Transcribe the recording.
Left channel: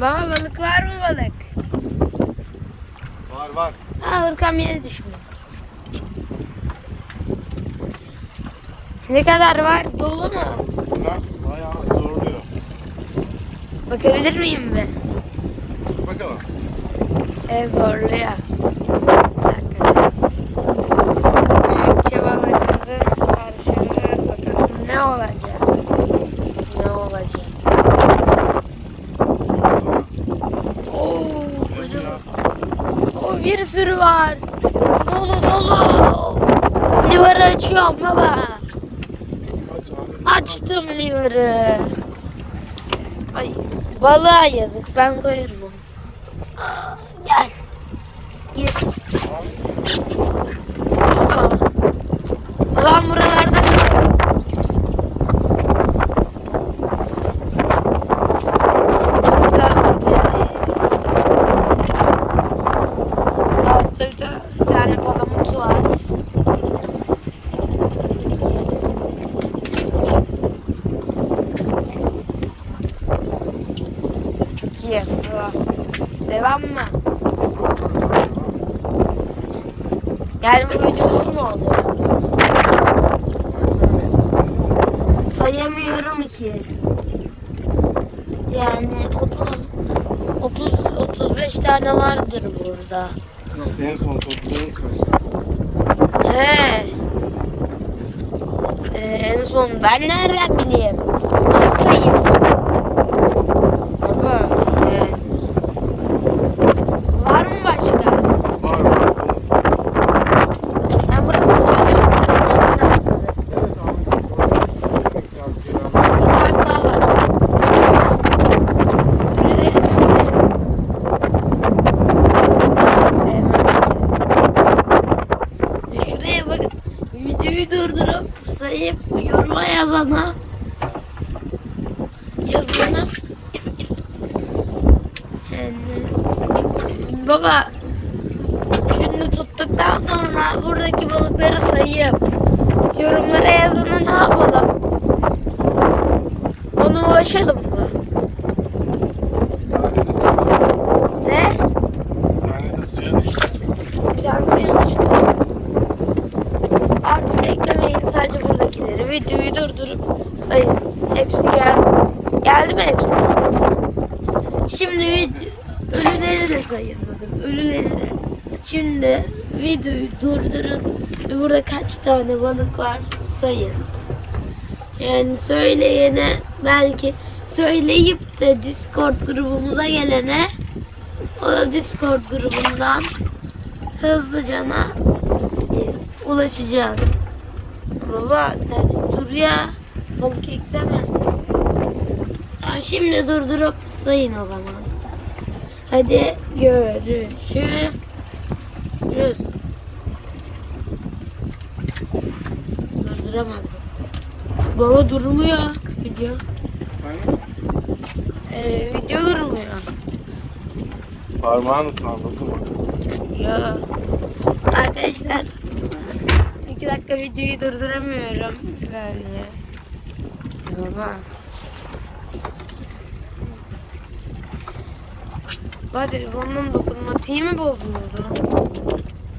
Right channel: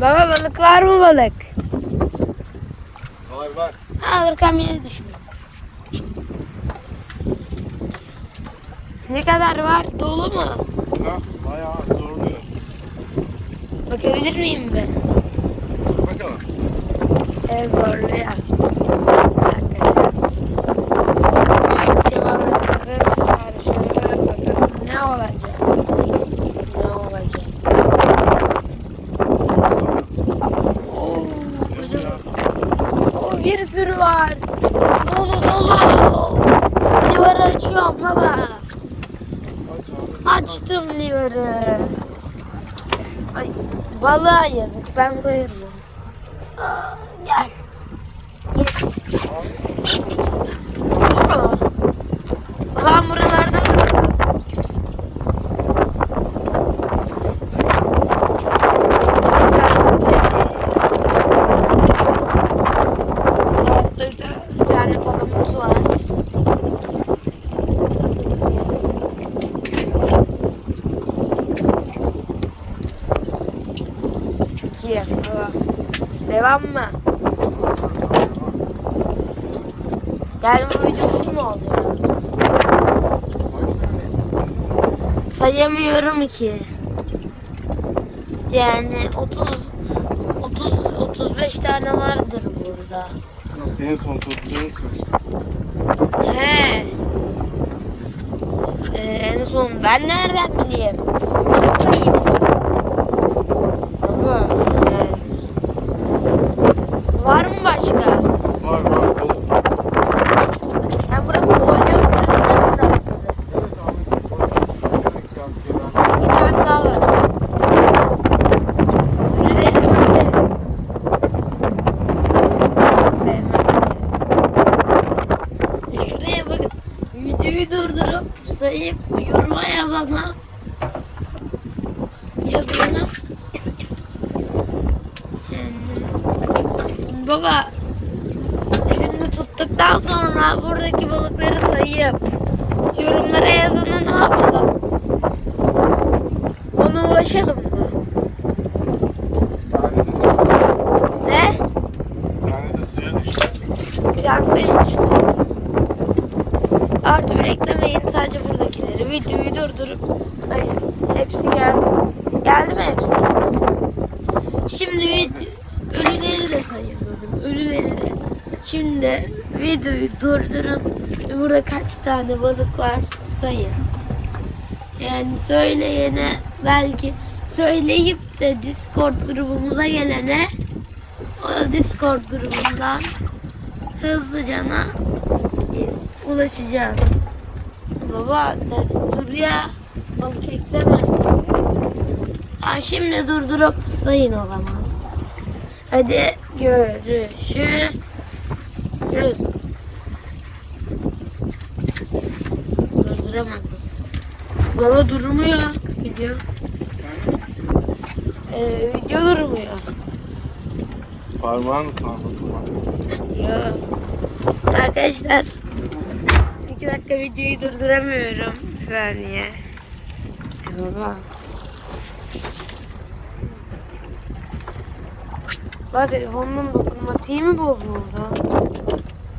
Baba balık var mı balık? Var var. Ha ırkam yeni düşünüyor. Ne kadar var? Dolu mu? Ne? Bayağı zorluyor. Bakabilir miyim be? Bakalım. Evet zorluyor. Hakikaten. Büyükçe balıkların karşılığı bakalım ne olacak? Ne olacak? Oo, kocaman. Sürü var. Dolu dolu. Livarı açıyorum baba. Açtım livarı. Ay, balığa yazık. Ben koyarım. Aa, gel. Gel. Bir ta- bir tane palamut var. İki. Devam. Mı? Yani bu video mu olacak? Sayamıyorum ki. Yani 30 30 35 tane vardır burada. En son topladığın kaç? He. Ee, en son ben nereden bileyim? Sayayım? Baba. yani. Var mı başka? Var var. Ben burası video sürüsünde mi burası? Evet Ahmet. orada tekrar gelen- Bir tane daha var. Sürüleri çok sevdim. Sevmem. Ya Şuraya bak. Videoyu sayıp yoruma yazana yazana yani baba şimdi tuttuktan sonra buradaki balıkları sayıp yorumlara yazanı ne yapalım? Ona ulaşalım mı? Ne? Yani de suya düştü. Biraz suymuş. Artı bir eklemeyin sadece buradakileri. Videoyu durdurup sayın. Hepsi gelsin. Geldi mi hepsi? Şimdi ölüleri de sayın dedim. Ölüleri de. Şimdi videoyu durdurun. Burada kaç tane balık var sayın. Yani söyleyene belki söyleyip de Discord grubumuza gelene o Discord grubundan hızlıcana e, ulaşacağız. Baba dur ya balık ekleme. Tamam şimdi durdurup sayın o zaman. Hadi görüşürüz. Durduramadım. Baba durmuyor video. Ee, video durmuyor. Parmağın ısına baksana. Ya. Arkadaşlar iki dakika videoyu durduramıyorum. Bir saniye. Baba. Baba telefonun dokunmatiği mi bozuldu?